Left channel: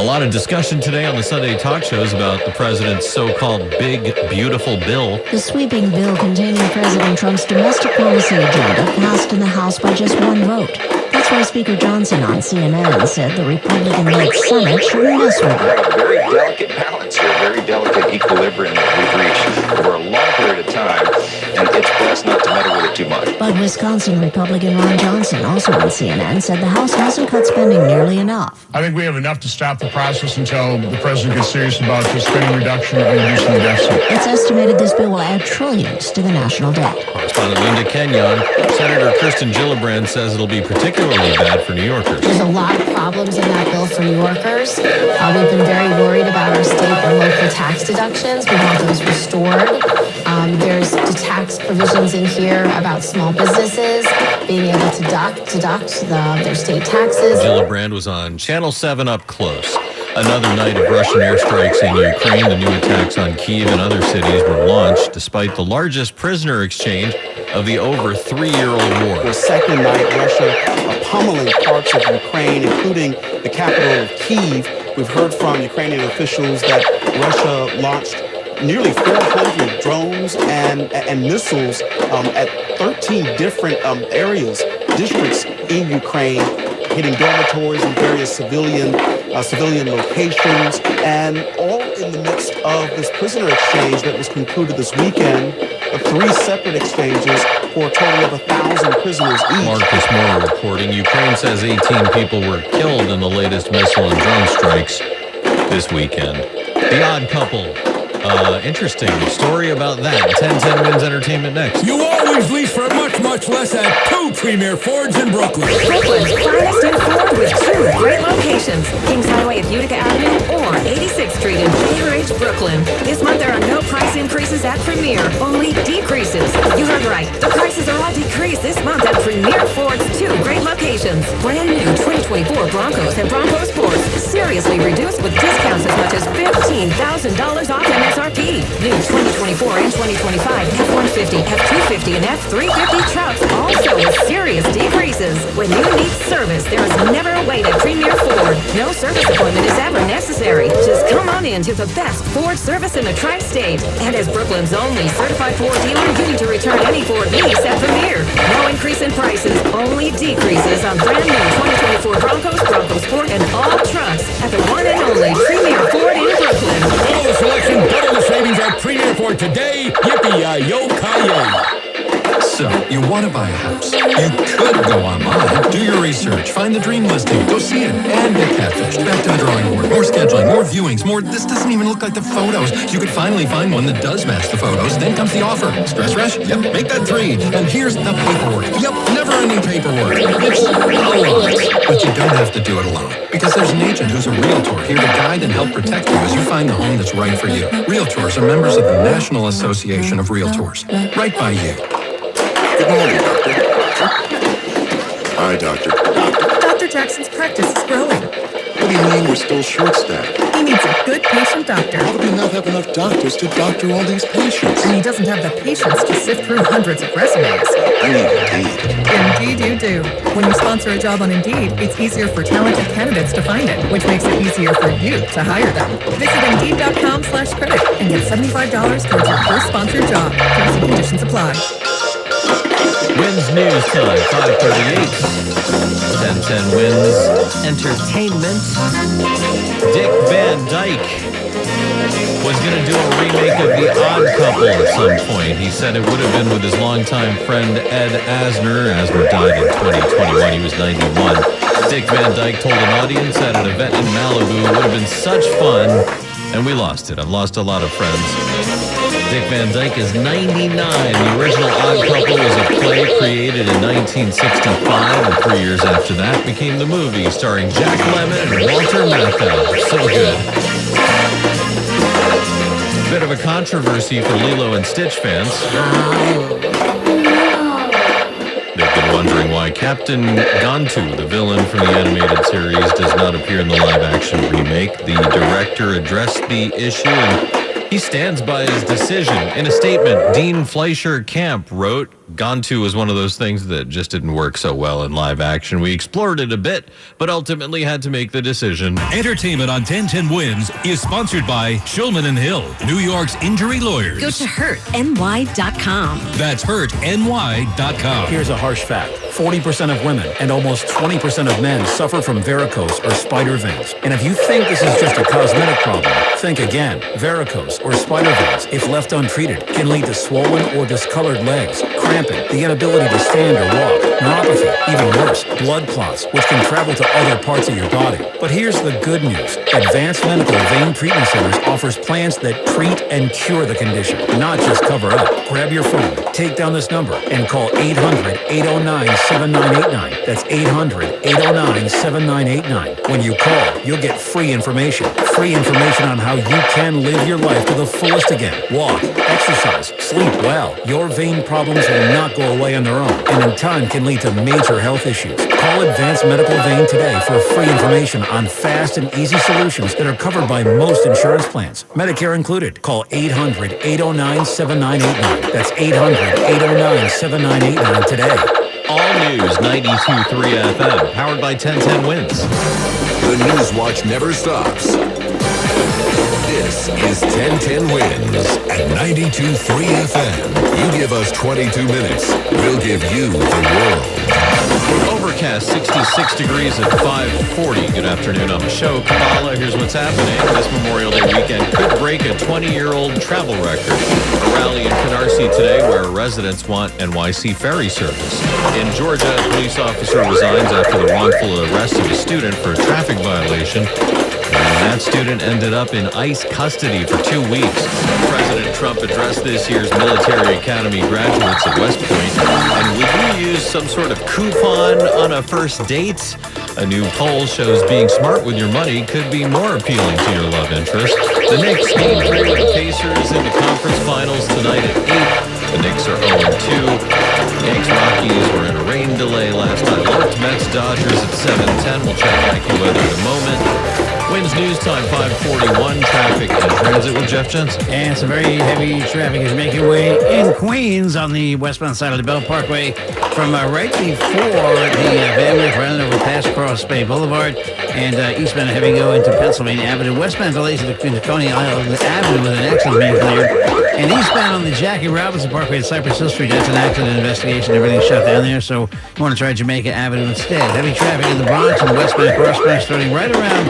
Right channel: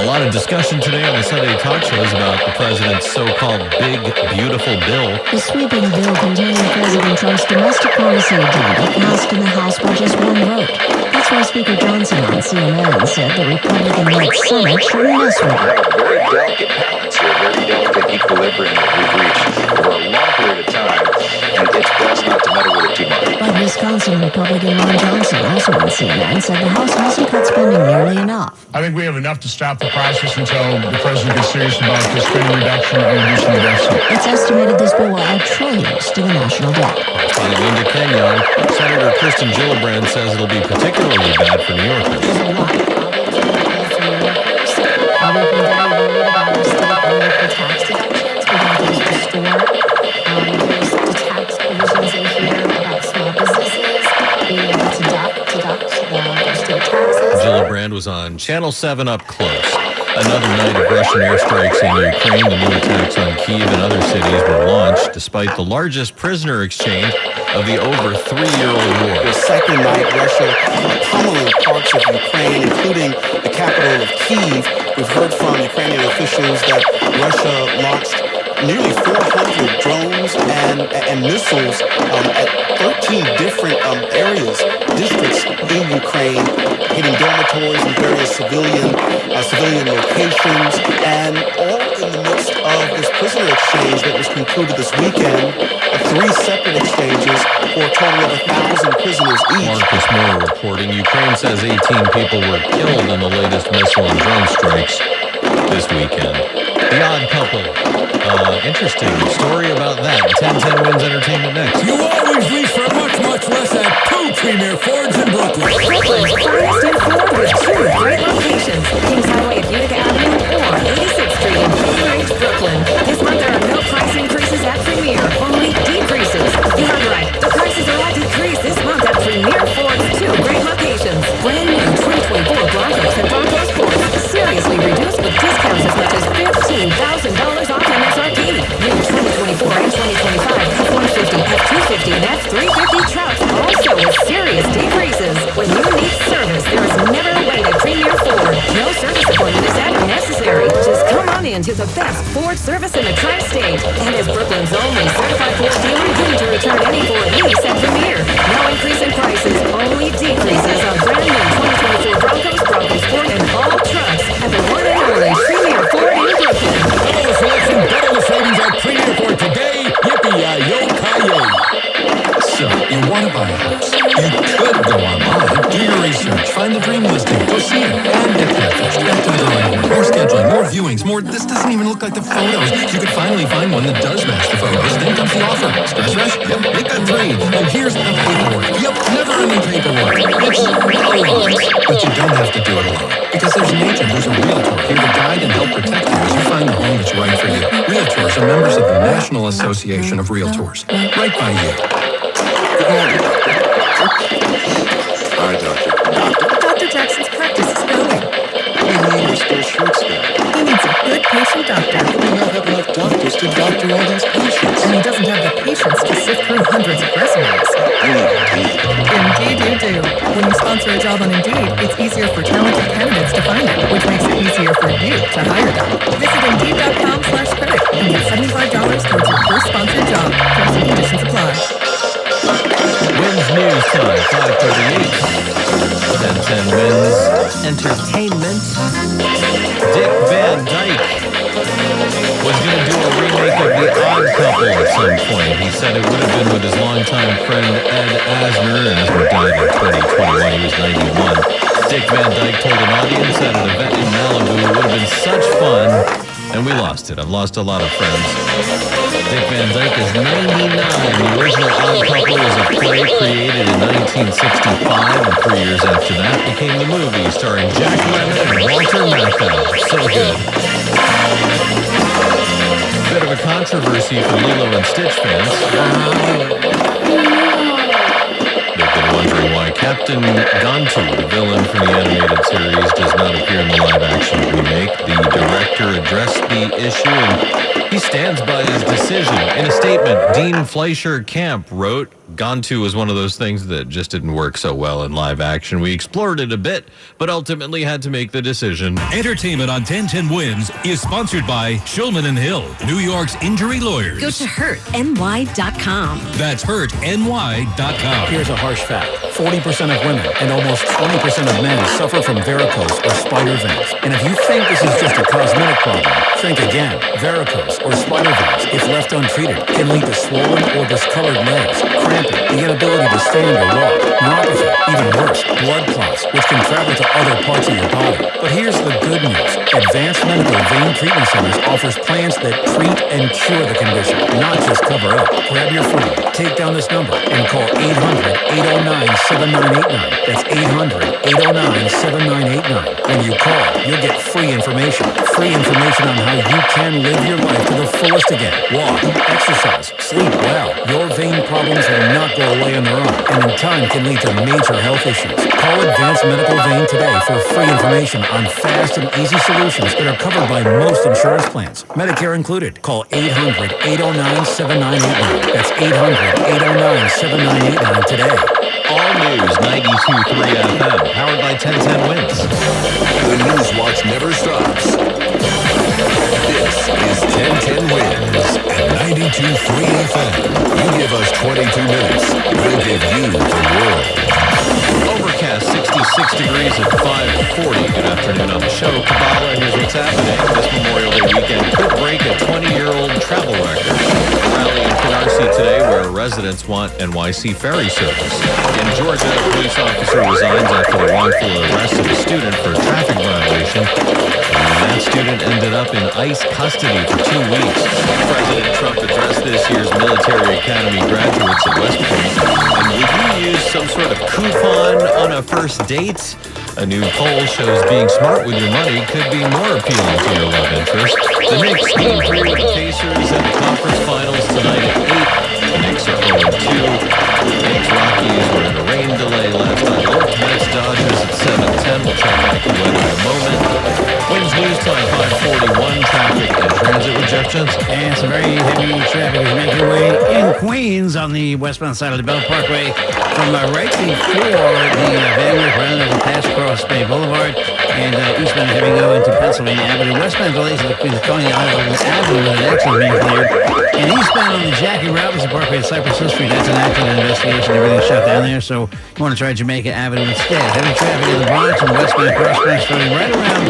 A lot of discussion today on the Sunday talk shows about the president's so-called big, beautiful bill. The sweeping bill containing President Trump's domestic policy agenda passed in the House by just one vote. That's why Speaker Johnson on CNN said the Republican-led Senate shouldn't mess with it. We have a very delicate balance here, a very delicate equilibrium that we've reached over a long period of time, and it's best not to meddle with it too much. But Wisconsin Republican Ron Johnson, also on CNN, said the House hasn't cut spending nearly enough. I think we have enough to stop the process until the president gets serious about the spending reduction and reducing the deficit. It's estimated this bill will add trillions to the national debt. Correspondent Linda Kenyon. Senator Kirsten Gillibrand says it'll be particularly bad for New Yorkers. There's a lot of problems in that bill for New Yorkers. We've been very worried about our state and local tax deductions. We want those restored. There's the tax provisions in here about small businesses being able to deduct their state taxes. Gillibrand was on Channel 7 Up Close. Another night of Russian airstrikes in Ukraine. The new attacks on Kyiv and other cities were launched despite the largest prisoner exchange of the over 3-year-old war. The second night, Russia pummeling parts of Ukraine, including the capital of Kyiv. We've heard from Ukrainian officials that Russia launched nearly 400 drones and missiles at 13 different areas, districts in Ukraine, hitting dormitories and various civilian locations, and all in the midst of this prisoner exchange that was concluded this weekend, 3 separate exchanges for a total of 1,000 prisoners each. Marcus Moore reporting Ukraine says 18 people were killed in the latest missile and drone strikes this weekend. The Odd Couple. Interesting story about that. 1010 Wins Entertainment next. You always lease for much, much less at 2 premier Fords in Brooklyn. Brooklyn's finest in Ford with 2 great locations. Kings Highway at Utica Avenue or 86th Street in Bay Ridge, Brooklyn. This month there are no price increases at Premier, only decreases. You heard right. The prices are all decreased this month at Premier Ford's 2 great locations. Brand new 2024 Broncos and Bronco Sports. Seriously reduced with discounts as much as $15,000 off MSRP. New 2024 and 2025 F-150, F-250, and F-350 trucks also with serious decreases. When you need service, there is never a wait at Premier Ford. No service appointment is ever necessary. Just come on in to the best Ford service in the Tri-State. And as Brooklyn's only certified Ford dealer, you need to return any Ford lease at Premier. No increase in prices, only decreases on brand new 2024 Broncos, Bronco Sport, and all trucks at the one and only Premier Ford in Brooklyn. Double the selection, double the savings at Premier Ford today. Yippee-yi-yo-ki-yay. So, you want to buy a house. You could go online, do your research, find the dream listing, go see it, and get catfished. Back to the drawing board. More scheduling, more viewings, more this doesn't even look like the photos. You could finally find one that does match the photos. Then comes the offer. Stress rush? Yep, make that 3. And here's the paperwork. Yep, never ending paperwork. It's a lot. But you don't have to do it alone. Because there's an agent who's a realtor here to guide and help protect you as you find the home that's right for you. Realtors are members of the National Association of Realtors. Right by you. Good morning, Doctor. Hi, Doctor. Dr. Jackson's practice is growing. What do you mean we're still short-staffed? He needs a good patient doctor. How do we not have enough doctors to doctor all these patients? And he doesn't have the patience to sift through hundreds of resumes. I need Indeed. Indeed you do. When you sponsor a job on Indeed, it's easier for talented candidates to find it, which makes it easier for you to hire them. Visit Indeed.com/credit and get $75 towards your first sponsored job. Terms and conditions apply. Wins News Time, 5:38. 1010 Wins Entertainment. Dick Van Dyke was going to do a remake of The Odd Couple at some point. He said it would have been with his longtime friend Ed Asner. Asner died in 2021. He was 91. Dick Van Dyke told an audience at an event in Malibu it would have been such fun, and we lost it. I've lost a lot of friends. Dick Van Dyke is 99. The original Odd Couple was a play created in 1965, and 3 years after that became the movie starring Jack Lemmon and Walter Matthau. So good. Bit of a controversy for Lilo and Stitch fans. They've been wondering why Captain Gantu, the villain from the animated series, does not appear in the live-action remake. The director addressed the issue and he stands by his decision. In a statement, Dean Fleischer Camp wrote, Gantu was one of those things that just didn't work so well in live action. We explored it a bit, but ultimately had to make the decision. Entertainment on 1010 Wins is sponsored by Shulman & Hill, New York's injury lawyers. Go to hurtny.com. That's hurtny.com. Here's a harsh fact. 40% of women and almost 20% of men suffer from varicose or spider veins. And if you think this is just a cosmetic problem, think again. Varicose or spider veins, if left untreated, can lead to swollen or discolored legs, cramping, the inability to stand or walk, neuropathy, even worse, blood clots, which can travel to other parts of your body. But here's the good news. Advanced Medical Vein Treatment Centers offers plans that treat and cure the condition, not just cover up. Grab your phone, take down this number, and call 800-809-7989. That's 800-809-7989. When you call, you'll get free information. Free information on how you can live your life to the fullest again. Walk, exercise, sleep well. Your vein problems will not go away on their own, and in time can lead to major health issues. Call Advanced Medical Vein today for free information on fast and easy solutions that are covered by most insurance plans, Medicare included. Call 800-809-7989. That's 800-809-7989 today. All News 92.3 FM, powered by 1010 Wins. The News Watch never stops. This is 1010 Wins at 92.3 FM. You give us 22 minutes, we'll give you the world. Overcast, 66 degrees at 5:40. Good afternoon on the show. Kabbalah, here's what's happening. This Memorial Day weekend could break a 20-year-old travel record. A rally in Canarsie today where residents want NYC ferry service. In Georgia, a police officer resigns after the wrongful arrest of a student for a traffic violation. That student ended up in ICE custody for 2 weeks. President Trump addressed this year's military academy graduates at West Point. And would you use some sort of coupon on a first date? A new poll shows being smart with your money could be more appealing to your love interest. The Knicks Game 3 with the Pacers in the conference finals tonight at 8. The Knicks are 0-2. Yanks-Rockies were in a rain delay last night. Lords, Mets, Dodgers at 7:10. We'll check AccuWeather in a moment. Winds News Time 5:41. Traffic and transit with Jeff Jensen. And some very heavy traffic is making way in Queens on the westbound side of the Bell Parkway from right before the Van Wyck round over past Cross Bay Boulevard and eastbound heavy go into Pennsylvania Avenue. Westbound delays between the Coney Island Avenue with an accident being cleared. And eastbound on the Jackie Robinson Parkway at Cypress Hill Street, that's an accident investigation. Everything's shut down there, so you want to try Jamaica Avenue instead. Heavy traffic in the Bronx and westbound crossbound starting right around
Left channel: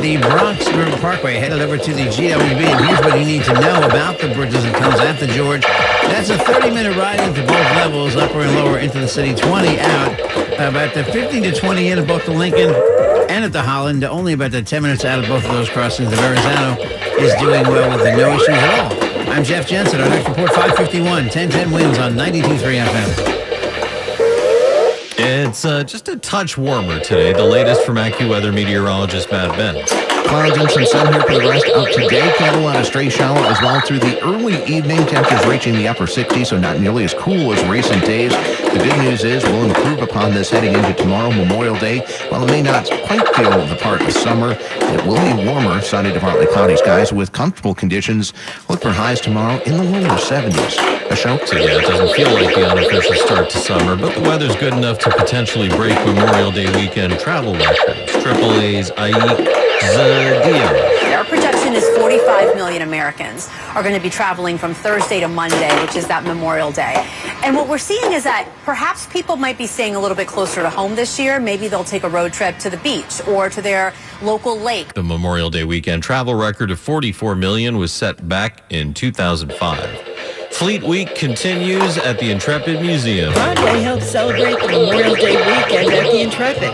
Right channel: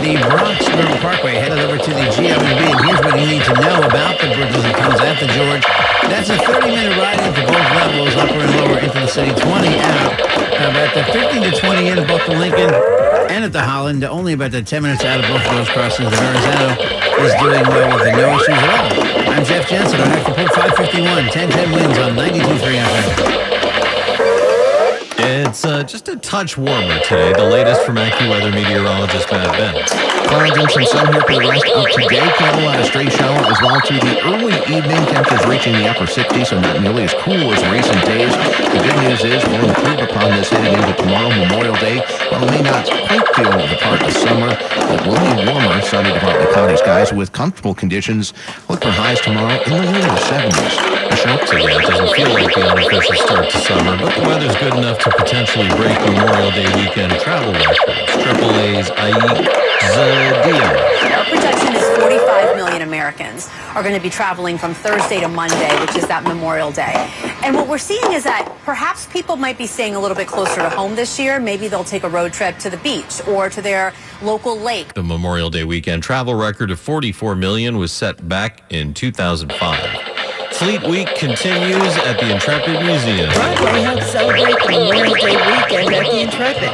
the Bronx River Parkway, headed over to the GWB. And here's what you need to know about the bridges and tunnels at the George. That's a 30-minute ride into both levels, upper and lower into the city, 20 out. About the 15 to 20 in at both the Lincoln and at the Holland. Only about the 10 minutes out of both of those crossings. The Verrazano is doing well with the no issues at all. I'm Jeff Jensen. Our next report, 5:51. 1010 Wins on 92.3 FM. It's just a touch warmer today. The latest from AccuWeather meteorologist Matt Benz. Clouds and some sun here for the rest of today. Camelot a stray shower as well through the early evening. Temperatures reaching the upper 60s, so not nearly as cool as recent days. The good news is we'll improve upon this heading into tomorrow, Memorial Day. While it may not quite feel the part of summer, it will be warmer, sunny to partly cloudy skies with comfortable conditions. Look for highs tomorrow in the lower 70s. Ashok? So yeah, it doesn't feel like the unofficial start to summer, but the weather's good enough to potentially break Memorial Day weekend travel records. AAA's Aik Zadian. Our projection is 45 million Americans are going to be traveling from Thursday to Monday, which is that Memorial Day. And what we're seeing is that perhaps people might be staying a little bit closer to home this year. Maybe they'll take a road trip to the beach or to their local lake. The Memorial Day weekend travel record of 44 million was set back in 2005. Fleet Week continues at the Intrepid Museum. Broadway helps celebrate the Memorial Day weekend at the Intrepid.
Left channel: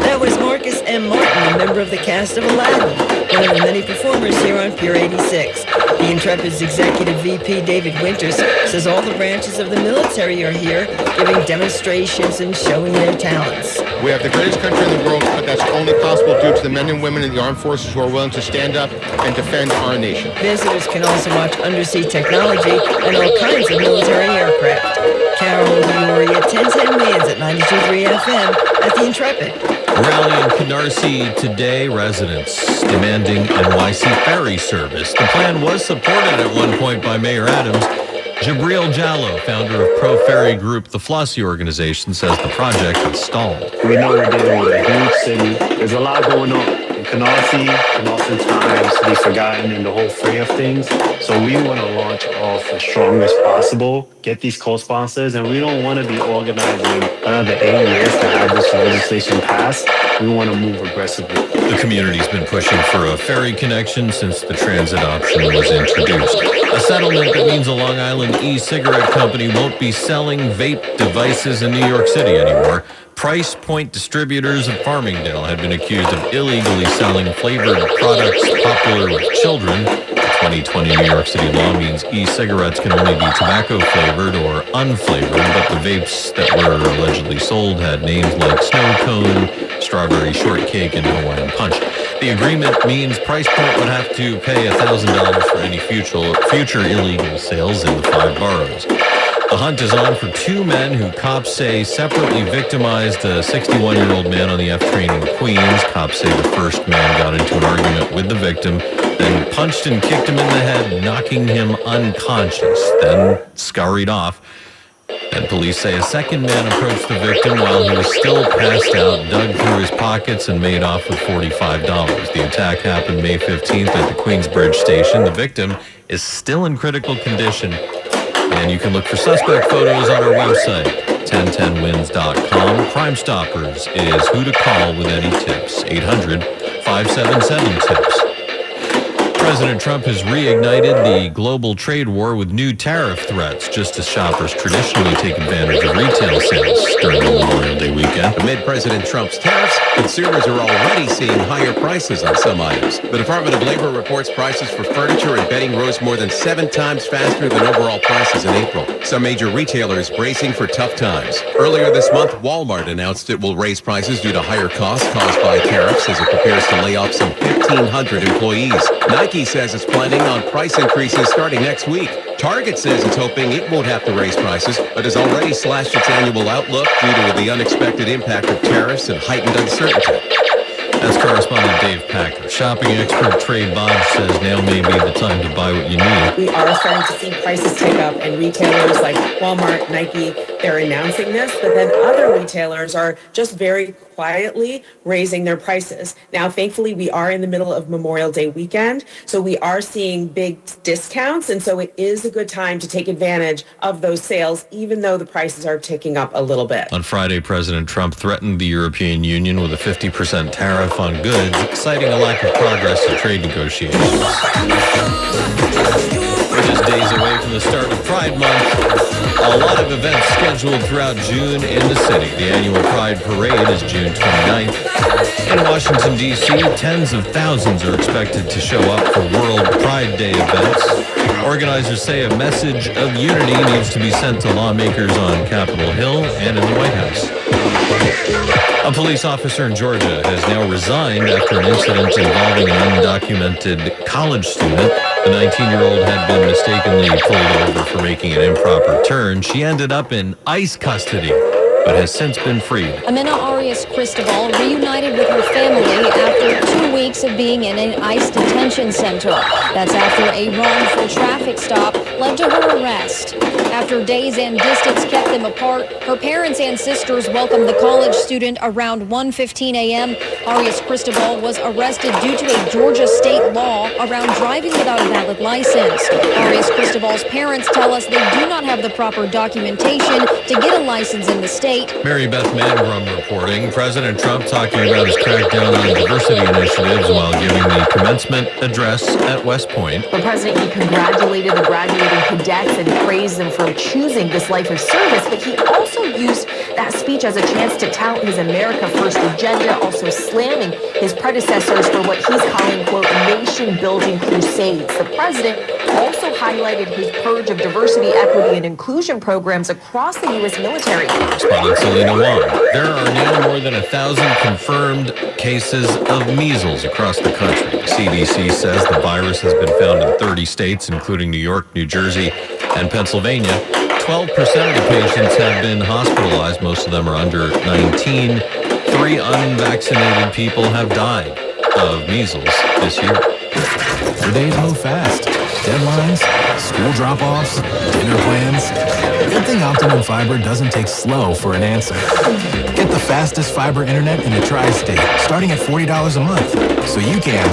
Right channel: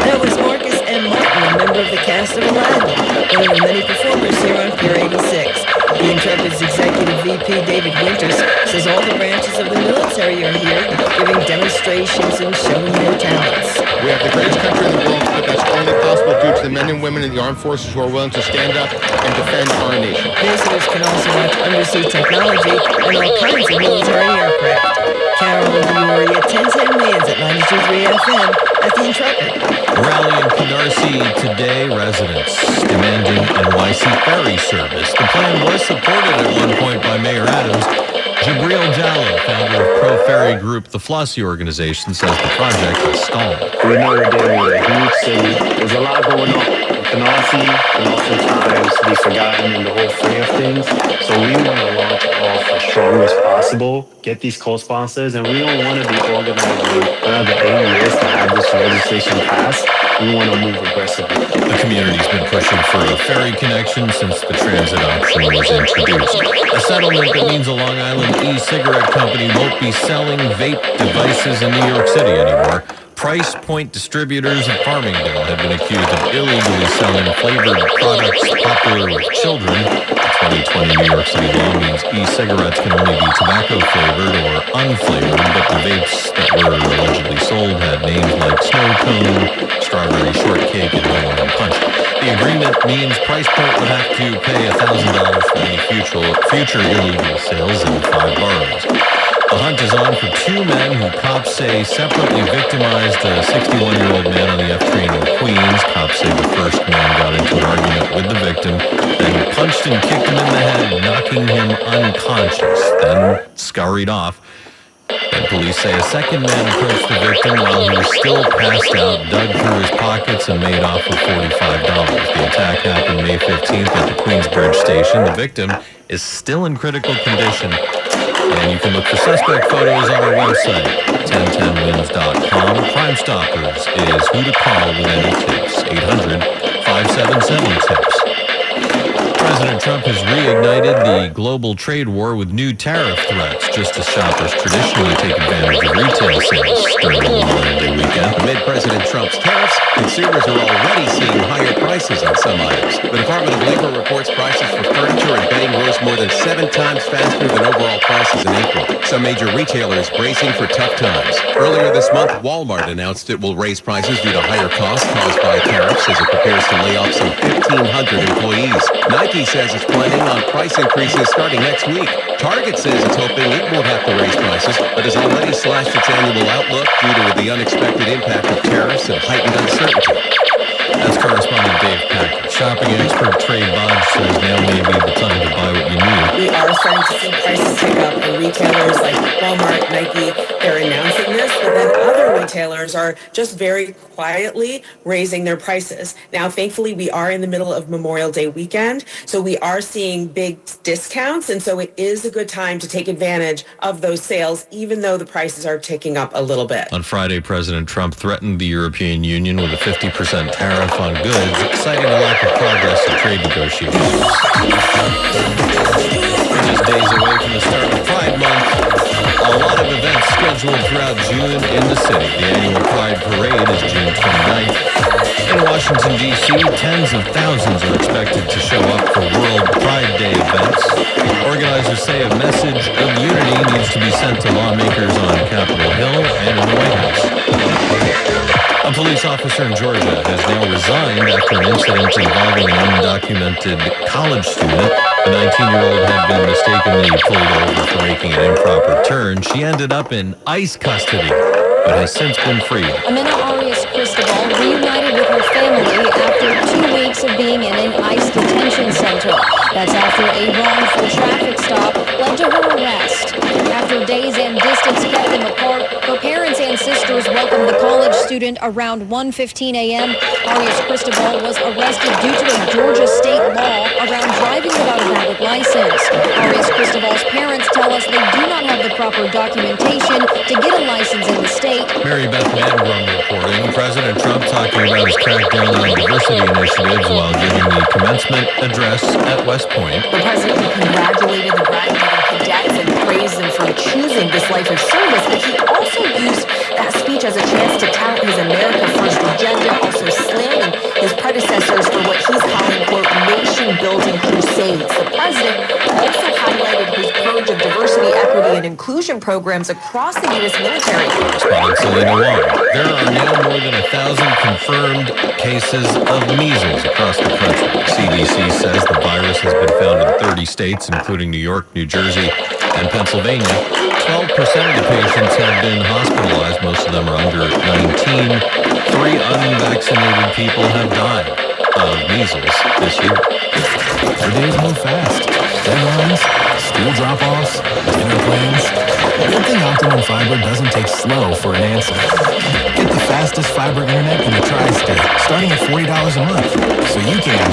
That was Marcus M. Martin, a member of the cast of Aladdin, one of the many performers here on Pier 86. The Intrepid's executive VP, David Winters, says all the branches of the military are here, giving demonstrations and showing their talents. We have the greatest country in the world, but that's only possible due to the men and women in the armed forces who are willing to stand up and defend our nation. Visitors can also watch undersea technology and all kinds of military aircraft. Carol Uri at 1010 Wins at 92.3 FM at the Intrepid. A rally in Canarsie today, residents demanding NYC ferry service. The plan was supported at one point by Mayor Adams. Jabril Jallo, founder of Pro Ferry Group, the Flossie organization, says the project has stalled. We know we're dealing with a huge city. There's a lot going on. In Canarsie can oftentimes be forgotten in the whole fray of things. So we want to launch off as strong as possible, get these co-sponsors, and we don't want to be organizing another 8 years to have this legislation passed. We want to move aggressively. The community's been pushing for a ferry connection since the transit option was introduced. A settlement that means a Long Island e-cigarette company won't be selling vape devices in New York City anymore. Price Point distributors of Farmingdale have been accused of illegally selling flavored products popular with children. The 2020 New York City law means e-cigarettes can only be tobacco flavored or unflavored, but the vapes that were allegedly sold had names like Snow Cone, Strawberry Shortcake, and Hawaiian Punch. The agreement means Price Point would have to pay $1,000 for any future illegal sales in the 5 boroughs. The hunt is on for 2 men who cops say separately victimized a 61-year-old man on the F train in Queens. Cops say the first man got into an argument with the victim, then punched and kicked him in the head, knocking him unconscious, then scurried off. Then police say a second man approached the victim while he was still passed out, dug through his pockets, and made off with $45. The attack happened May 15th at the Queensbridge station. The victim is still in critical condition. And you can look for suspect photos on our website, 1010wins.com. Crime Stoppers is who to call with any tips, 800-577-TIPS. President Trump has reignited the global trade war with new tariff threats, just as shoppers traditionally take advantage of retail sales during the Memorial Day weekend. Amid President Trump's tariffs, consumers are already seeing higher prices on some items. The Department of Labor reports prices for furniture and bedding rose more than 7 times faster than overall prices in April. Some major retailers bracing for tough times. Earlier this month, Walmart announced it will raise prices due to higher costs caused by tariffs as it prepares to lay off some 1,500 employees. Nike says it's planning on price increases starting next week. Target says it's hoping it won't have to raise prices, but has already slashed its annual outlook due to the unexpected impact of tariffs and heightened uncertainty. That's correspondent Dave Packer. Shopping expert Trey Bodge says now may be the time to buy what you need. We are starting to see prices tick up, and retailers like Walmart, Nike, they're announcing this, but then other retailers are just very quietly raising their prices. Now, thankfully, we are in the middle of Memorial Day weekend, so we are seeing big discounts, and so it is a good time to take advantage of those sales, even though the prices are ticking up a little bit. On Friday, President Trump threatened the European Union with a 50% tariff on goods, citing a lack of progress in trade negotiations. We're just days away from the start of Pride Month. A lot of events scheduled throughout June in the city. The annual Pride Parade is June 29th. In Washington, D.C., tens of thousands are expected to show up for World Pride Day events. Organizers say a message of unity needs to be sent to lawmakers on Capitol Hill and in the White House. A police officer in Georgia has now resigned after an incident involving an undocumented college student. The 19-year-old had been mistakenly pulled over for making an improper turn. She ended up in ICE custody, but has since been freed. Amina Arias Cristobal reunited with her family after 2 weeks of being in an ICE detention center. That's after a wrongful traffic stop led to her arrest. After days and distance kept them apart, her parents and sisters welcomed the college student around 1:15 a.m. Arias Cristobal was arrested due to a Georgia state law around driving without a valid license. Arias Cristobal's parents tell us they do not have the proper documentation to get a license in the state. Mary Beth Mangrum reporting. President Trump talking about his crackdown on diversity initiatives while giving the commencement address at West Point. The president, he congratulated the graduating cadets and praised them for choosing this life of service, but he also used that speech as a chance to tout his America First agenda, also slamming his predecessors for what he's calling, quote, nation-building crusades. The president also highlighted his purge of diversity, equity, and inclusion programs across the U.S. military. Correspondent Selena Wong. There are now more than 1,000 confirmed cases of measles across the country. The CDC says the virus has been found in 30 states, including New York, New Jersey, and Pennsylvania. 12% of the patients have been hospitalized. Most of them are under 19. 3 unvaccinated people have died of measles this year. The days move fast. Deadlines, school drop-offs, dinner plans. Good thing Optimum Fiber doesn't take slow for an answer. Get the fastest fiber internet in the tri-state, starting at $40 a month, so you can.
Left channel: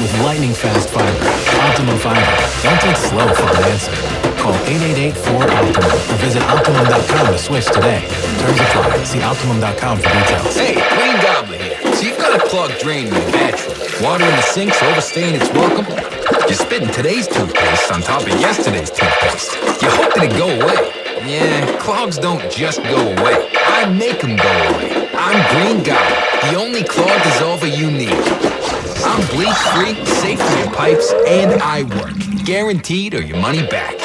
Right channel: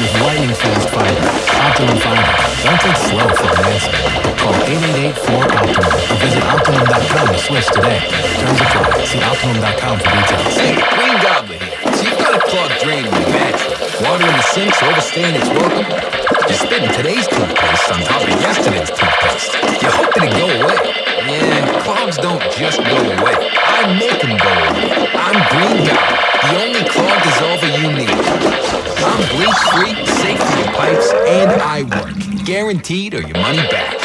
With lightning fast fiber, Optimum Fiber, don't take slow for an answer. Call 888-4-OPTIMUM or visit Optimum.com to switch today. Terms apply. See Optimum.com for details. Hey, Green Gobbler here. So you've got a clogged drain in your bathroom. Water in the sink's overstaying its welcome. You're spitting today's toothpaste on top of yesterday's toothpaste. You're hoping to go away. Yeah, clogs don't just go away. I make them go away. I'm Green Gobbler, the only clog dissolver you need. I'm bleach-free, safe for your pipes, and I work. Guaranteed or your money back.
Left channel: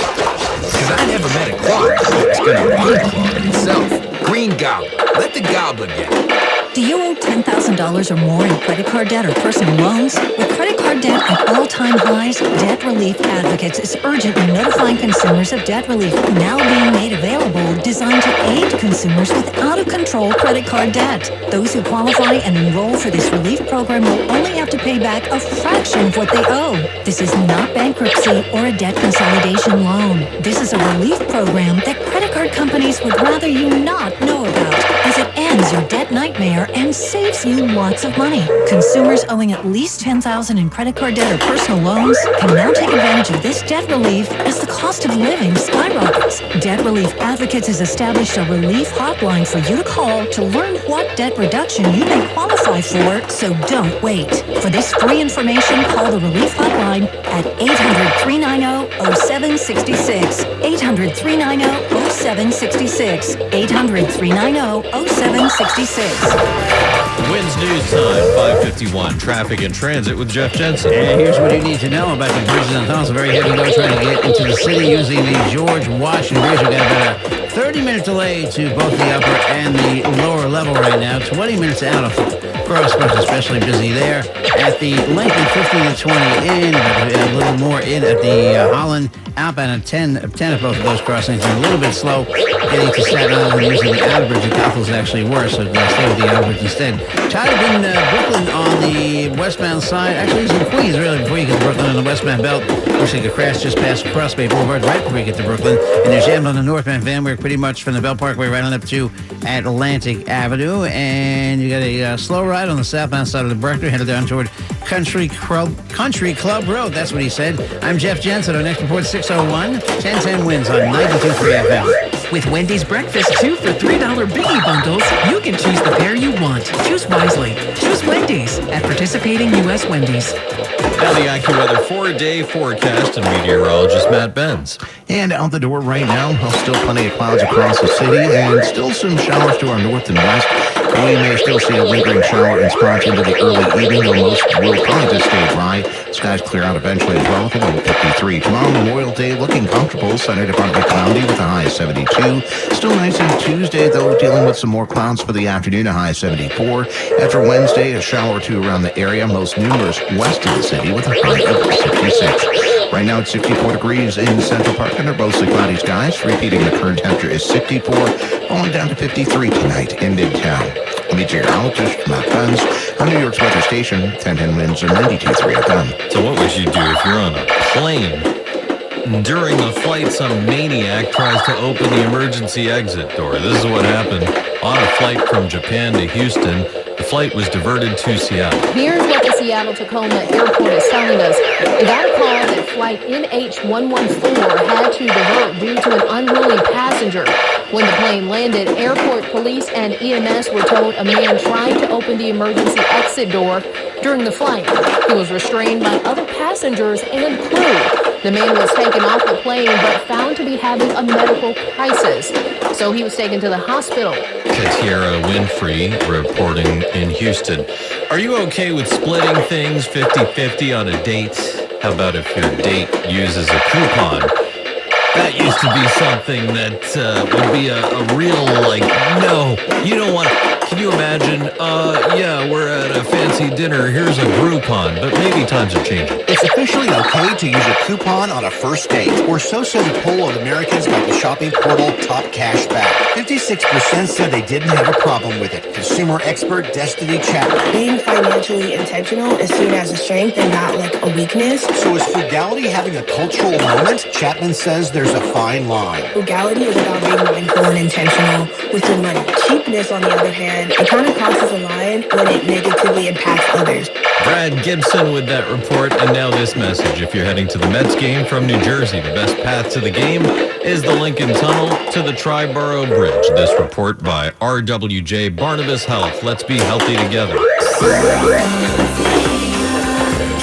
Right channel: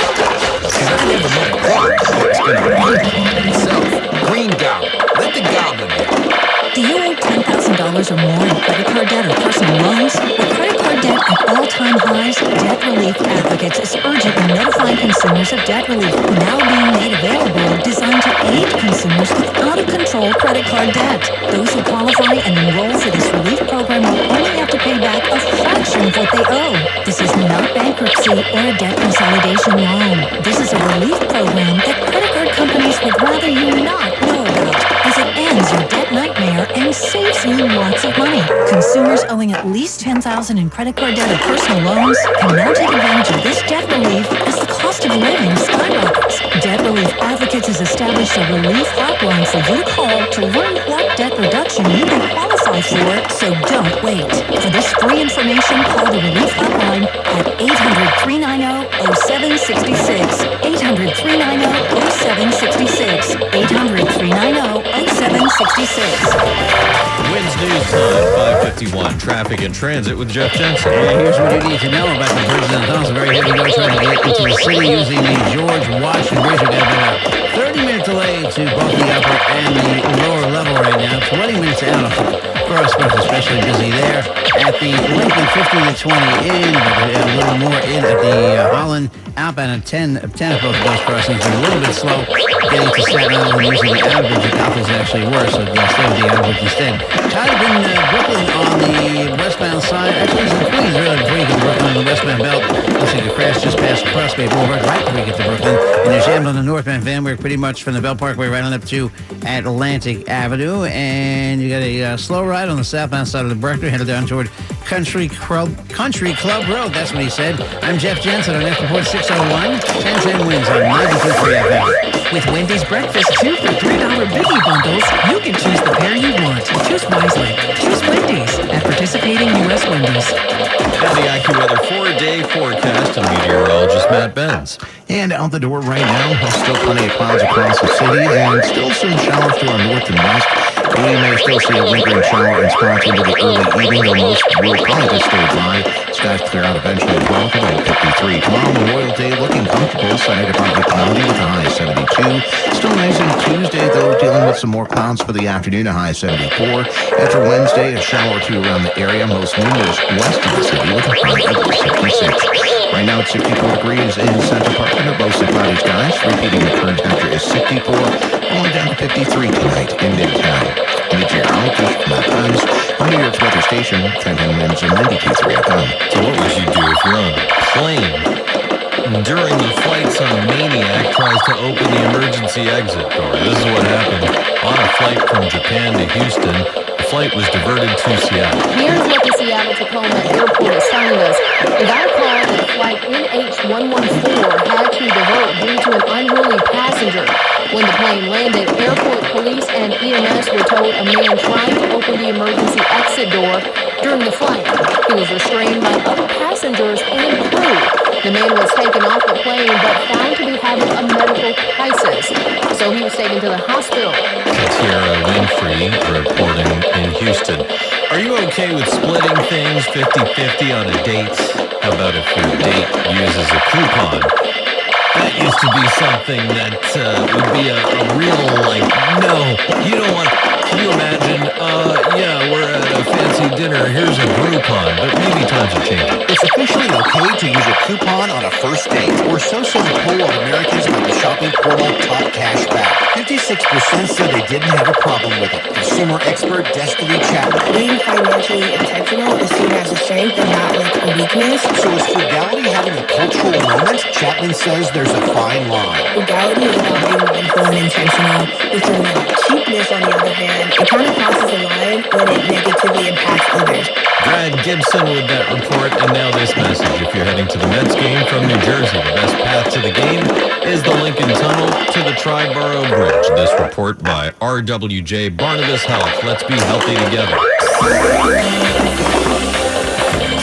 Because I never met a clog that's gonna unclog itself. Green Gobbler. Let the gobbler get it. Do you owe $10,000 or more in credit card debt or personal loans? With credit card debt at all-time highs, Debt Relief Advocates is urgently notifying consumers of debt relief now being made available, designed to aid consumers with out-of-control credit card debt. Those who qualify and enroll for this relief program will only have to pay back a fraction of what they owe. This is not bankruptcy or a debt consolidation loan. This is a relief program that credit card companies would rather you not know about, as it ends your debt nightmare and saves you lots of money. Consumers owing at least $10,000 in credit card debt or personal loans can now take advantage of this debt relief as the cost of living skyrockets. Debt Relief Advocates has established a relief hotline for you to call to learn what debt reduction you may qualify for, so don't wait. For this free information, call the relief hotline at 800-390-0766. 800-390-0766. 800-390-0766. Winds News Time, 5:51. Traffic and transit with Jeff Jensen. And here's what you need to know about the bridges and tunnels. A very heavy go trying to get into the city using the George Washington Bridge. We've got about a 30-minute delay to both the upper and the lower level right now. 20 minutes out of the crosswalk, especially busy there. At the Lincoln, 15 to 20 in, but a little more in at the Holland outbound at 10 of both of those crossings. They're a little bit slow getting to Staten Island using the outer bridge. The Gothel's actually worse, so stay with the outer bridge instead. Tied up in Brooklyn on the westbound side. Actually, it's in Queens, really, before you get to Brooklyn on the westbound belt. Looks like a crash just past Crossbay Boulevard right before you get to Brooklyn. And there's jammed on the northbound van. We're pretty much from the Belt Parkway right on up to Atlantic Avenue. And you got a slow ride on the southbound side of the Bruckner, headed down toward Country Club Road. That's what he said. I'm Jeff Jensen. Our next report, 601. 1010 wins on 92.3 FM. With Wendy's breakfast 2 for $3 biggie bundles, you can choose the pair you want. Choose wisely. Choose Wendy's at participating U.S. Wendy's. Now the AccuWeather 4-day forecast and meteorologist Matt Benz. And out the door right now, still plenty of clouds across the city and still some showers to our north and west. We may still see a lingering shower in spots into the early evening, though most will probably just stay dry. Skies clear out eventually as well with a low of 53. Tomorrow, Memorial Day, looking comfortable. Sunday to partly cloudy with a high of 72. Still nice on Tuesday, though, dealing with some more clouds for the afternoon, a high of 74. After Wednesday, a shower or two around the area, most numerous west of the city with a high of 66. Right now, it's 64 degrees in Central Park under mostly cloudy skies. Repeating, the current temperature is 64, falling down to 53 tonight in Midtown. Meteorologist Matt Benz on New York's weather station, 1010 winds and 92.3 FM. So what would you do if you're on a plane? During the flight, some maniac tries to open the emergency exit door. This is what happened on a flight from Japan to Houston. The flight was diverted to Seattle. Here's what the Seattle-Tacoma Airport is telling us. They got a call that flight NH114 had to divert due to an unruly passenger. When the plane landed, airport police and EMS were told a man tried to open the emergency exit door during the flight. He was restrained by other passengers and crew. The man was taken off the plane but found to be having a medical crisis. So he was taken to the hospital. Katiera Winfrey reporting in Houston. Are you okay with splitting things 50-50 on a date? How about if your date uses a coupon? That used to be something that would be a real, no, you don't want to. Can you imagine, yeah, we're at a fancy dinner, here's a Groupon, but maybe times are changing. It's officially okay to use a coupon on a first date, or so says a poll of Americans by the shopping portal Top Cash Back. 56% said they didn't have a problem with it. Consumer expert Destiny Chapman. Being financially intentional is seen as a strength and not like a weakness. So is frugality having a cultural moment? Chapman says there's a fine line. Frugality is about being mindful and intentional with your money. Cheapness, on the other hand, it kind of crosses a line when it negatively impacts others. Brad Gibson with that report, and now this message. If you're heading to the Mets game from New Jersey, the best path to the game is the Lincoln Tunnel to the Triborough Bridge. This report by RWJ Barnabas Health. Let's be healthy together.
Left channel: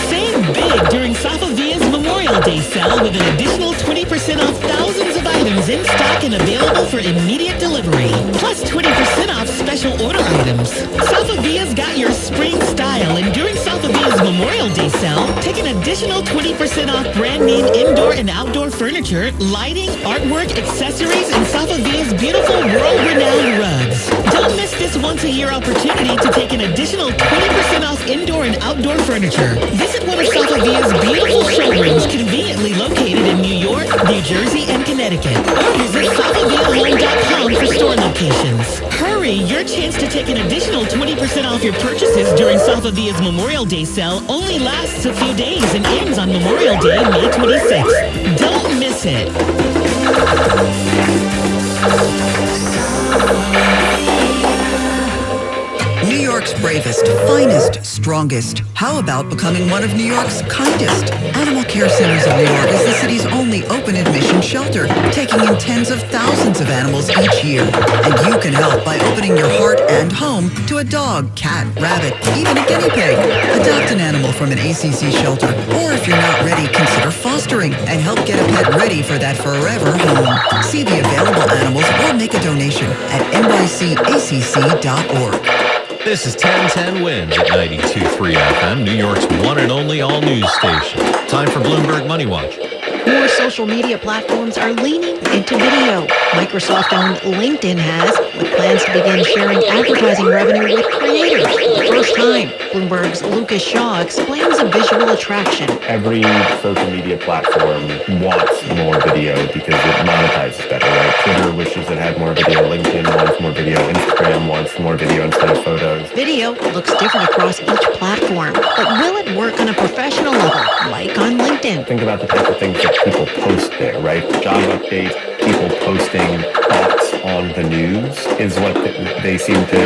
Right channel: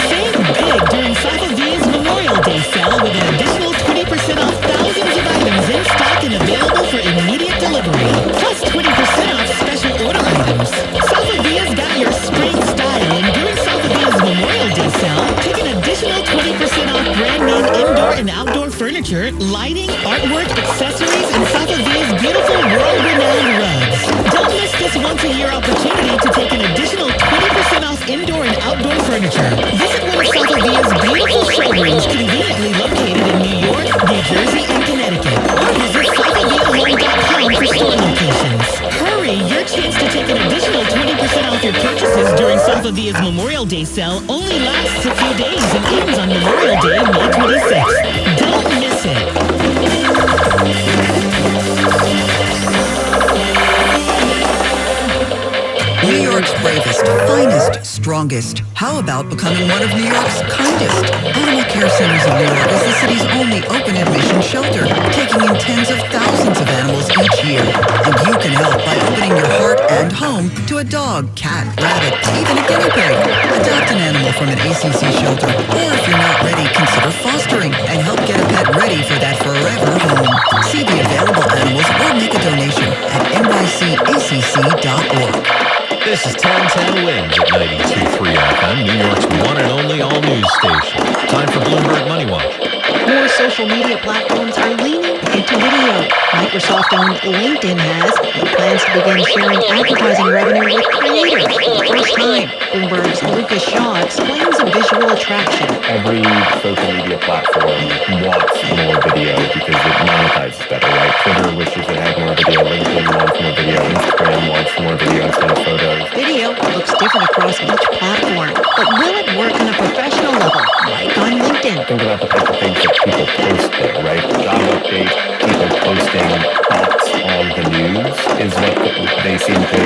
Save big during Safavia's Memorial Day sale with an additional 20% off thousands of items in stock and available for immediate delivery. Plus 20% off special order items. Safavia's got your spring style, and during Safavia's Memorial Day sale, take an additional 20% off brand name indoor and outdoor furniture, lighting, artwork, accessories, and Safavia's beautiful world-renowned rugs. Don't miss this once-a-year opportunity to take an additional 20% off indoor and outdoor furniture. Visit one of Safavia's beautiful showrooms conveniently located in New York, New Jersey, and Connecticut. Or visit SafaviaHome.com for store locations. Hurry! Your chance to take an additional 20% off your purchases during Safavia's Memorial Day sale only lasts a few days and ends on Memorial Day, May 26th. Don't miss it. New York's bravest, finest, strongest. How about becoming one of New York's kindest? Animal Care Centers of New York is the city's only open admission shelter, taking in tens of thousands of animals each year. And you can help by opening your heart and home to a dog, cat, rabbit, even a guinea pig. Adopt an animal from an ACC shelter, or if you're not ready, consider fostering and help get a pet ready for that forever home. See the available animals or make a donation at nycacc.org. This is 1010 Wins at 92.3 FM, New York's one and only all-news station. Time for Bloomberg Money Watch. More social media platforms are leaning into video. Microsoft-owned LinkedIn has, with plans to begin sharing advertising revenue with creators for the first time. Bloomberg's Lucas Shaw explains a visual attraction. Every social media platform wants more video because it monetizes better, right? Twitter wishes it had more video. LinkedIn wants more video. Instagram wants more video instead of photos. Video looks different across each platform, but will it work on a professional level, like on LinkedIn? Think about the type of things that people post there, right? Job updates, people posting thoughts on the news is what they seem to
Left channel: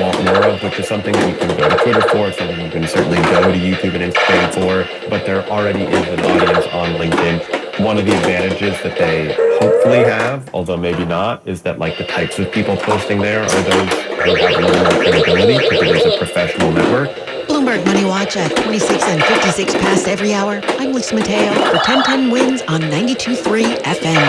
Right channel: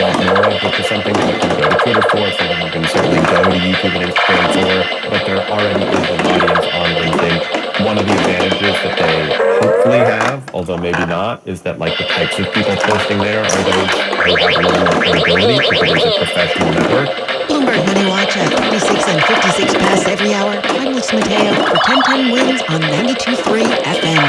want more of, which is something that you can go to Twitter for, something you can certainly go to YouTube and Instagram for, but there already is an audience on LinkedIn. One of the advantages that they hopefully have, although maybe not, is that like the types of people posting there are those who have a little more credibility because it is a professional network. Bloomberg Money Watch at 26 and 56 past every hour. I'm Lisa Mateo for 1010 Wins on 92.3 FM.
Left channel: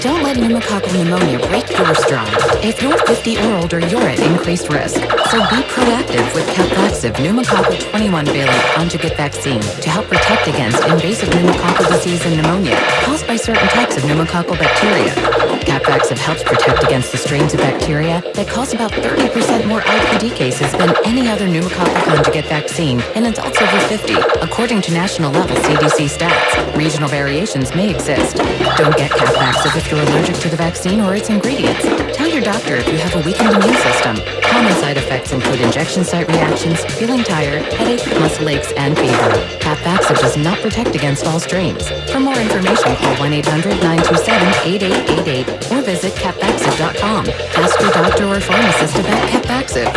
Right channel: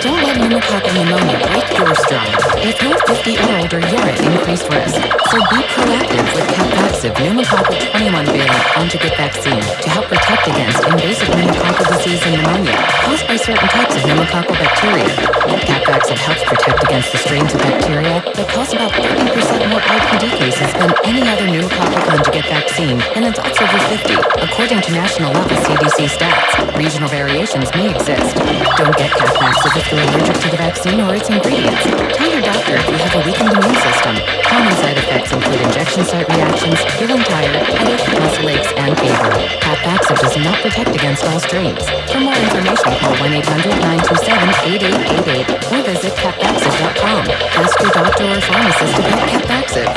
Don't let pneumococcal pneumonia break your stride. If you're 50 or older, you're at increased risk. So be proactive with Capvaxive pneumococcal 21-valent conjugate vaccine to help protect against invasive pneumococcal disease and pneumonia caused by certain types of pneumococcal bacteria. Capvaxive helps protect against the strains of bacteria that cause about 30% more IPD cases than any other pneumococcal conjugate vaccine in adults over 50, according to national level CDC stats. Regional variations may exist. Don't get Capvaxive if you're allergic to the vaccine or its ingredients. Tell your doctor if you have a weakened immune system. Common side effects include injection site reactions, feeling tired, headache, muscle aches, and fever. Capvaxive does not protect against all strains. For more information, call 1-800-927-8888 or visit capvaxive.com. Ask your doctor or pharmacist about Capvaxive.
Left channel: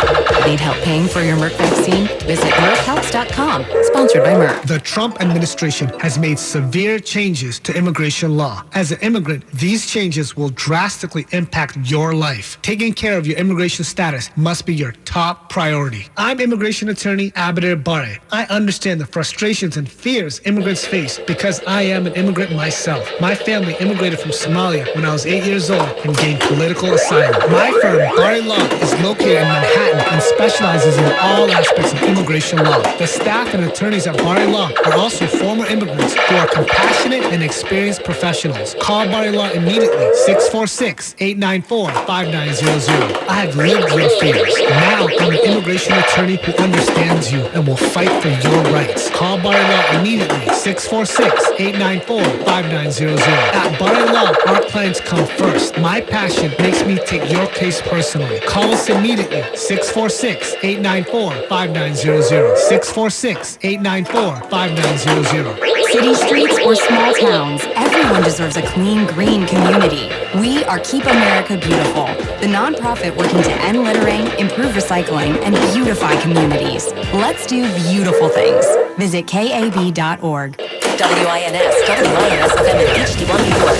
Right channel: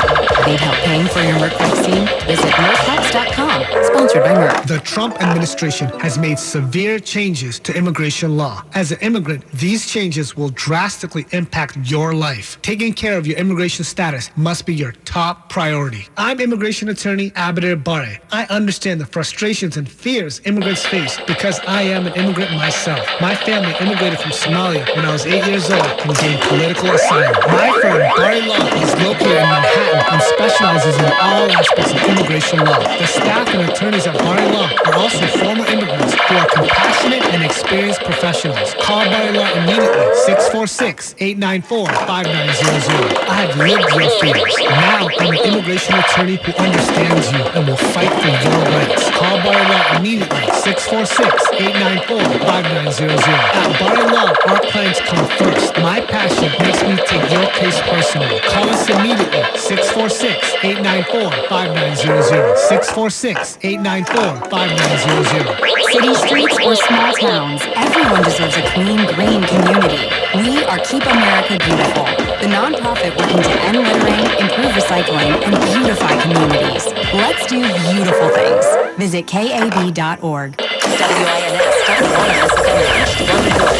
Need help paying for your Merck vaccine? Visit merckhelps.com. Sponsored by Merck. The Trump administration has made severe changes to immigration law. As an immigrant, these changes will drastically impact your life. Taking care of your immigration status must be your top priority. I'm immigration attorney Abeder Bare. I understand the frustrations and fears immigrants face because I am an immigrant myself. My family immigrated from Somalia when I was 8 years old and gained political asylum. My firm, Bare Law, is located in Manhattan and specializes in all aspects of immigration law. The staff and attorneys at Bare Law are also former immigrants who are compassionate and experienced professionals. Call Bare Law immediately, 646-894-5900. I have lived your fears. Now I'm an immigration attorney who understands you and will fight for your rights. Call Bare Law immediately, 646-894-5900. At Bare Law, our clients come first. My passion makes me take your case personally. Call us immediately, 646-894-5900. 646-894-5900. City streets or small towns, everyone deserves a clean, green community. We are Keep America Beautiful, the nonprofit working to end littering, improve recycling, and beautify communities. Let's do beautiful things. Visit KAB.org. WINS FM in HD1 New York.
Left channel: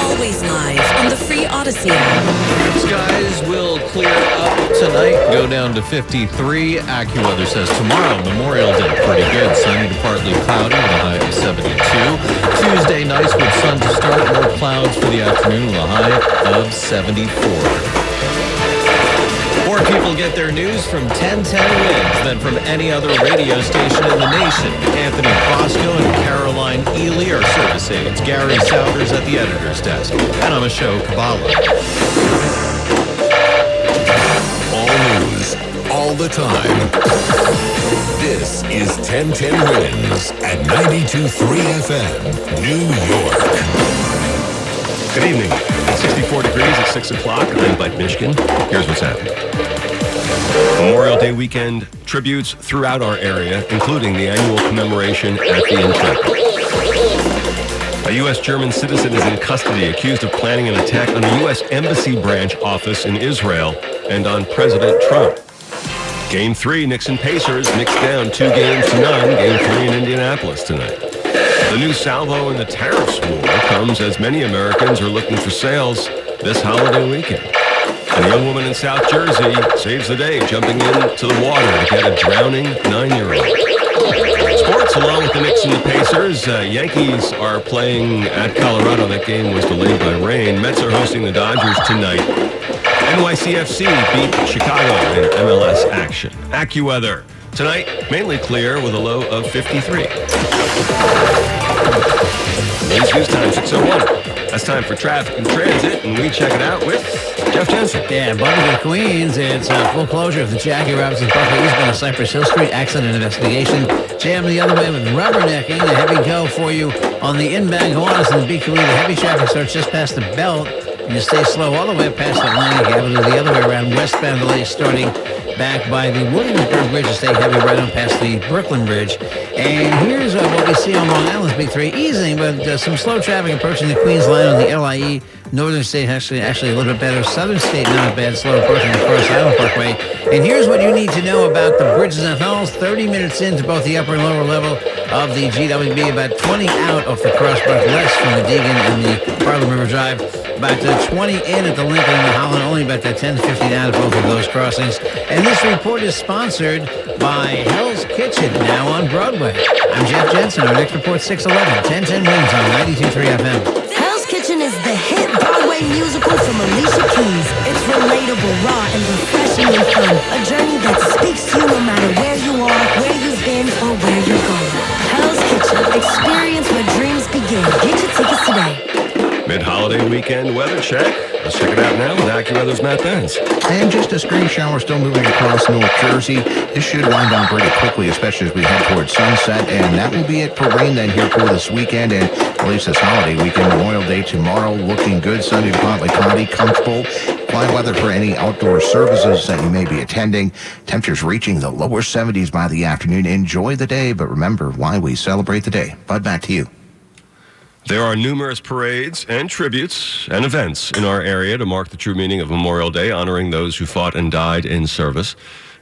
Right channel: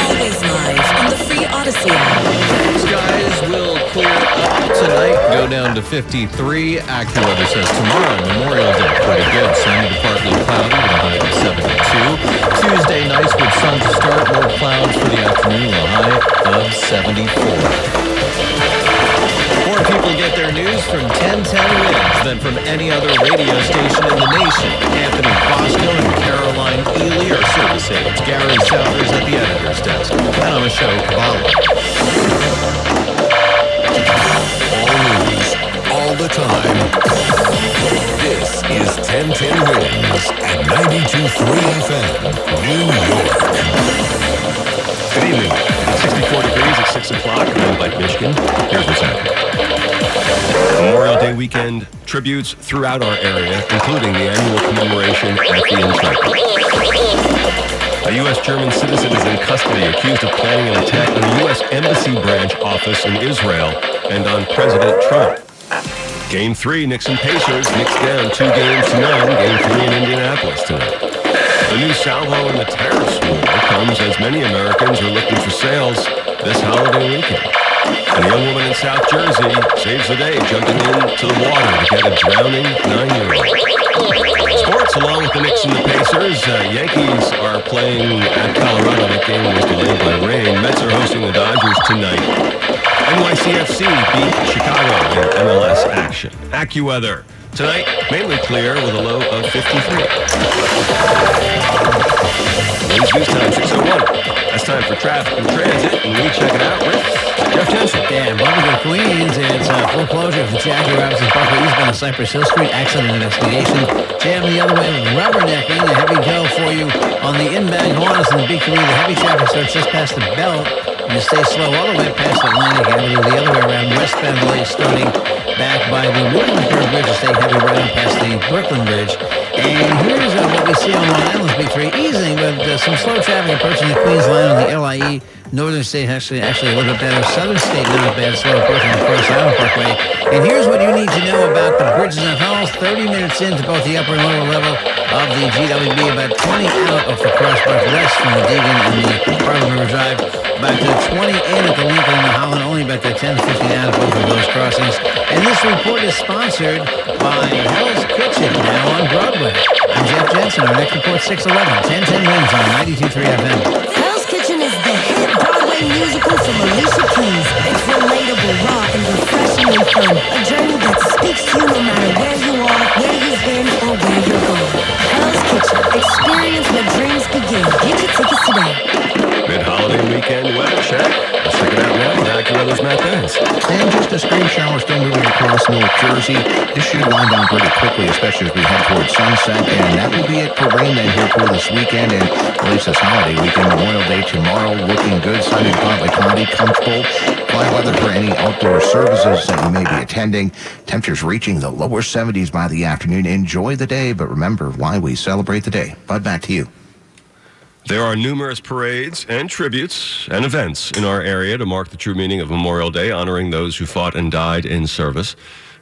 Always live on the free Odyssey app. Skies will clear up tonight, go down to 53. AccuWeather says tomorrow, Memorial Day, pretty good. Sunny to partly cloudy with a high of 72. Tuesday, nice with sun to start. More clouds for the afternoon with a high of 74. More people get their news from 1010 Wins than from any other radio station in the nation. Anthony Bosco and Caroline Ely are service aides. Gary Souders at the editor's desk. And I'm Ashok Kabbalah. All news, all the time. This is 1010 Wins at 92.3 FM, New York. Good evening. It's 64 degrees at 6 o'clock. I'm Mike Mishkin. Here's what's happening. Memorial Day weekend tributes throughout our area, including the annual commemoration at the Intrepid. A U.S. German citizen is in custody accused of planning an attack on a U.S. Embassy branch office in Israel and on President Trump. Game 3, Knicks and Pacers, Knicks down 2-0. Game 3 in Indianapolis tonight. The new salvo in the tariffs war comes as many Americans are looking for sales this holiday weekend. And a young woman in South Jersey saves the day jumping into the water to get a drowning 9-year-old. Sports, along with the Knicks and the Pacers. Yankees are playing at Colorado. That game was delayed by rain. Mets are hosting the Dodgers tonight. NYCFC beat Chicago in MLS action. AccuWeather. Tonight, mainly clear with a low of 53. Winds news time, 6:01. That's time for traffic and transit, and we check it out with Jeff Jensen. Yeah, Bubblegate, Queens. It's full closure of the Jackie Robinson Parkway eastbound of Cypress Hill Street. Accident investigation. Jam the other way with rubbernecking. A heavy go for you on the inbound Gowanus and the BQE. The heavy traffic starts just past the belt. And you stay slow all the way past Atlantic Avenue. The other way around westbound delays starting back by the Williamsburg Bridge to stay heavy right on past the Brooklyn Bridge. And here's what we see on Long Island's Big 3, easing, but some slow traffic approaching the Queens line on the LIE. Northern State actually a little bit better. Southern State not bad, slow approaching the Cross Island Parkway. And here's what you need to know about the bridges and tunnels. 30 minutes into both the upper and lower level of the GWB, about 20 out off the crossbar, less from the Deegan and the Harlem River Drive. About 20 in at the Lincoln and the Holland, only about 10 to 15 out of both of those crossings. And this report is sponsored by Hell's Kitchen, now on Broadway. I'm Jeff Jensen. Our next report, 6:11. 1010 Wins on 92.3 FM. Hell's Kitchen is the hit Broadway musical from Alicia Keys. It's relatable, raw, and refreshingly fun. A journey that speaks to you no matter where you are, where you've been, or where you're going. Hell's Kitchen. Experience where dreams begin. Get your tickets today. Mid-holiday weekend weather check. Let's check it out now with AccuWeather's Matt Benz. And just a stray shower still moving across North Jersey. This should wind down pretty quickly, especially as we head towards sunset. And that will be it for rain then here for this weekend and at least this holiday weekend. Memorial Day tomorrow looking good. Sunday to partly cloudy, comfortable. Quiet weather for any outdoor services that you may be attending. Temperatures reaching the lower 70s by the afternoon. Enjoy the day, but remember why we celebrate the day. Bud, back to you. There are numerous parades and tributes and events in our area to mark the true meaning of Memorial Day, honoring those who fought and died in service.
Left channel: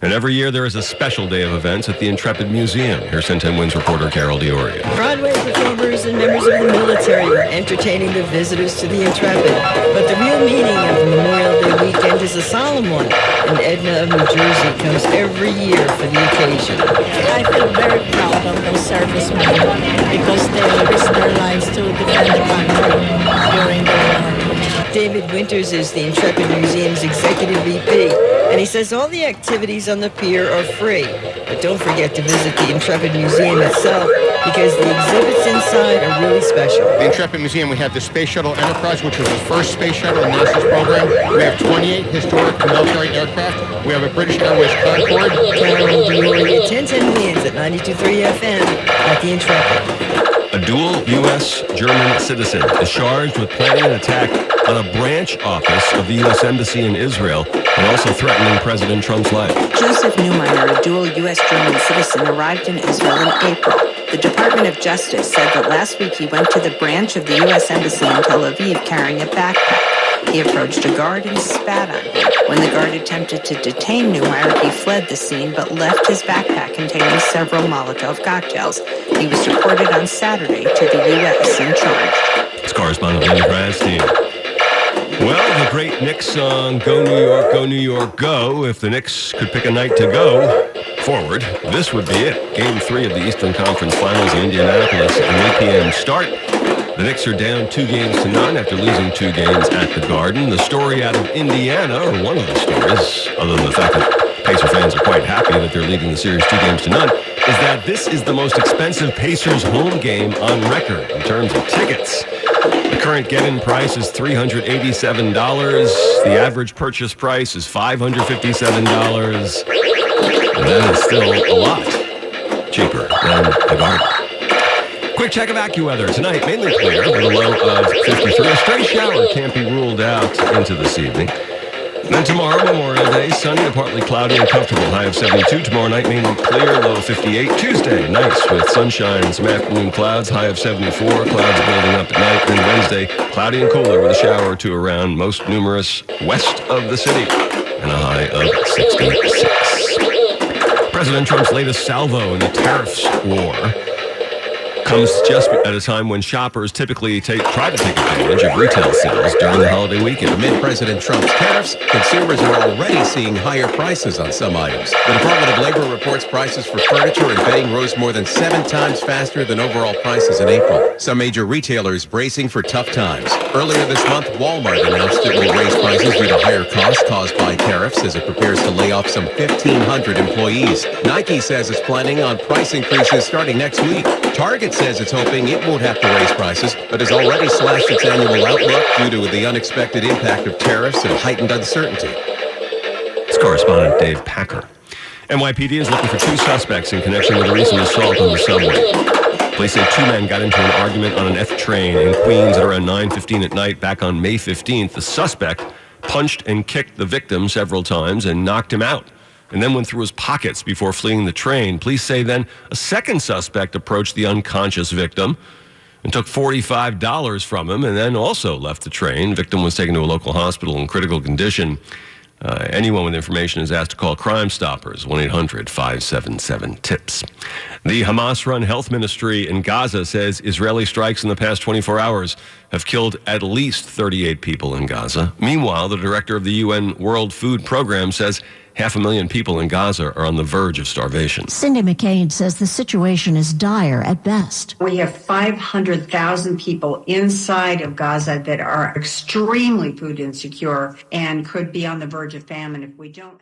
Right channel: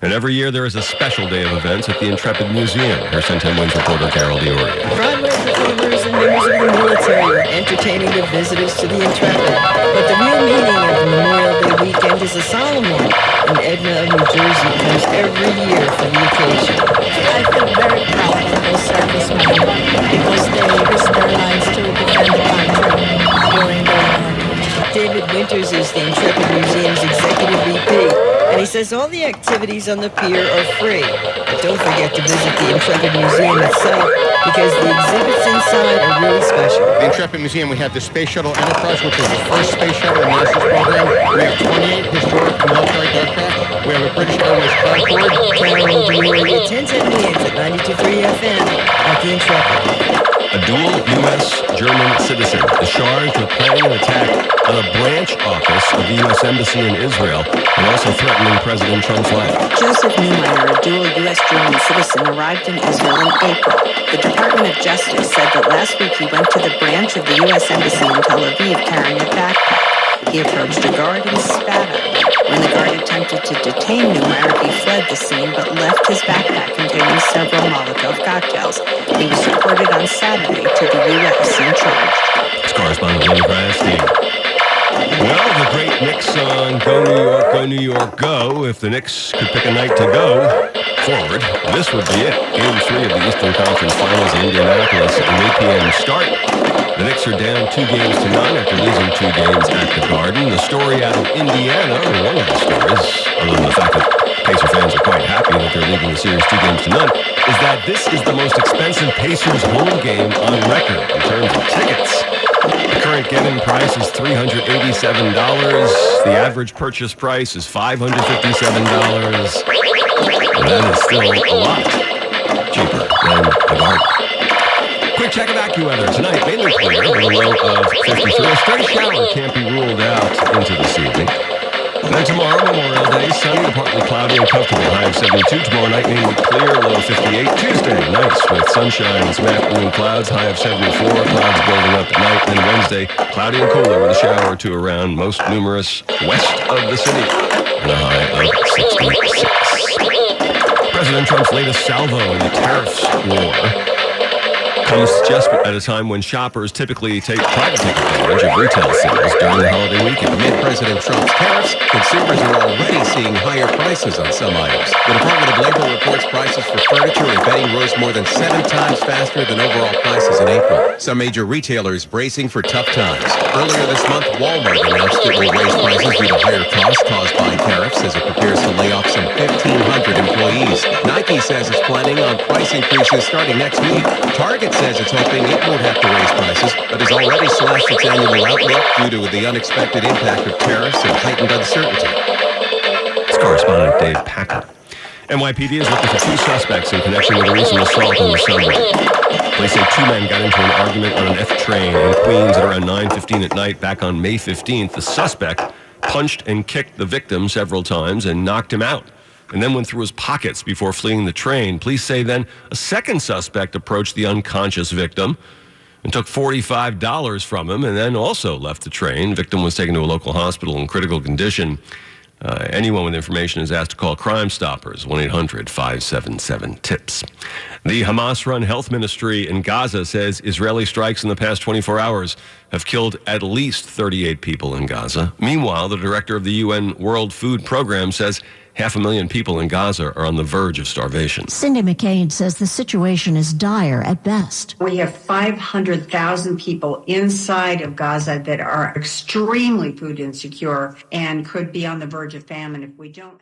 And every year there is a special day of events at the Intrepid Museum. Here's 1010 Wins reporter Carol Dioria. Broadway performers and members of the military were entertaining the visitors to the Intrepid. But the real meaning of the Memorial Day weekend is a solemn one. And Edna of New Jersey comes every year for the occasion. I feel very proud of those servicemen because they risked their lives to defend the country during the war. David Winters is the Intrepid Museum's executive VP, and he says all the activities on the pier are free. But don't forget to visit the Intrepid Museum itself, because the exhibits inside are really special. The Intrepid Museum, we have the Space Shuttle Enterprise, which is the first space shuttle in NASA's program. We have 28 historic military aircraft. We have a British Airways Concorde. Carol Dioria, 1010 Wins at 92.3 FM at the Intrepid. A dual U.S. German citizen is charged with planning an attack on a branch office of the U.S. Embassy in Israel and also threatening President Trump's life. Joseph Neumeyer, a dual U.S. German citizen, arrived in Israel in April. The Department of Justice said that last week he went to the branch of the U.S. Embassy in Tel Aviv carrying a backpack. He approached a guard and spat on him. When the guard attempted to detain Neumeyer, he fled the scene but left his backpack containing several Molotov cocktails. He was deported on Saturday to the U.S. and charged. It's correspondent Linda Gradstein. Well, the great Knicks song, Go New York, Go New York, Go. If the Knicks could pick a night to go forward, this would be it. Game 3 of the Eastern Conference Finals in Indianapolis, an 8 p.m. start. The Knicks are down 2-0 after losing 2 games at the Garden. The story out of Indiana, or one of the stories, other than the fact that Pacer fans are quite happy that they're leading the series 2-0, is that this is the most expensive Pacers home game on record in terms of tickets. The current get-in price is $387. The average purchase price is $557. That is still a lot cheaper than the Garden. Quick check of AccuWeather. Tonight, mainly clear with a low of 53. A stray shower can't be ruled out into this evening. Then tomorrow, Memorial Day, sunny to partly cloudy and comfortable. High of 72. Tomorrow night, mainly clear, low of 58. Tuesday, nice with sunshine and some afternoon clouds. High of 74. Clouds building up at night. Then Wednesday, cloudy and cooler with a shower or two around, most numerous west of the city. And a high of 66. President Trump's latest salvo in the tariffs war comes just at a time when shoppers typically try to take advantage of retail sales during the holiday weekend. Amid President Trump's tariffs, consumers are already seeing higher prices on some items. The Department of Labor reports prices for furniture and bedding rose more than 7 times faster than overall prices in April. Some major retailers bracing for tough times. Earlier this month, Walmart announced it will raise prices due to higher costs caused by tariffs as it prepares to lay off some 1,500 employees. Nike says it's planning on price increases starting next week. Target says it's hoping it won't have to raise prices, but has already slashed its annual outlook due to the unexpected impact of tariffs and heightened uncertainty. It's correspondent Dave Packer. NYPD is looking for 2 suspects in connection with a recent assault on the subway. Police say 2 men got into an argument on an F train in Queens at around 9:15 at night back on May 15th. The suspect punched and kicked the victim several times and knocked him out, and then went through his pockets before fleeing the train. Police say then a second suspect approached the unconscious victim and took $45 from him and then also left the train. Victim was taken to a local hospital in critical condition. Anyone with information is asked to call Crime Stoppers, 1-800-577-TIPS. The Hamas-run health ministry in Gaza says Israeli strikes in the past 24 hours have killed at least 38 people in Gaza. Meanwhile, the director of the UN World Food Program says 500,000 people in Gaza are on the verge of starvation. Cindy McCain says the situation is dire at best. We have 500,000 people inside of Gaza that are extremely food insecure and could be on the verge of famine if we don't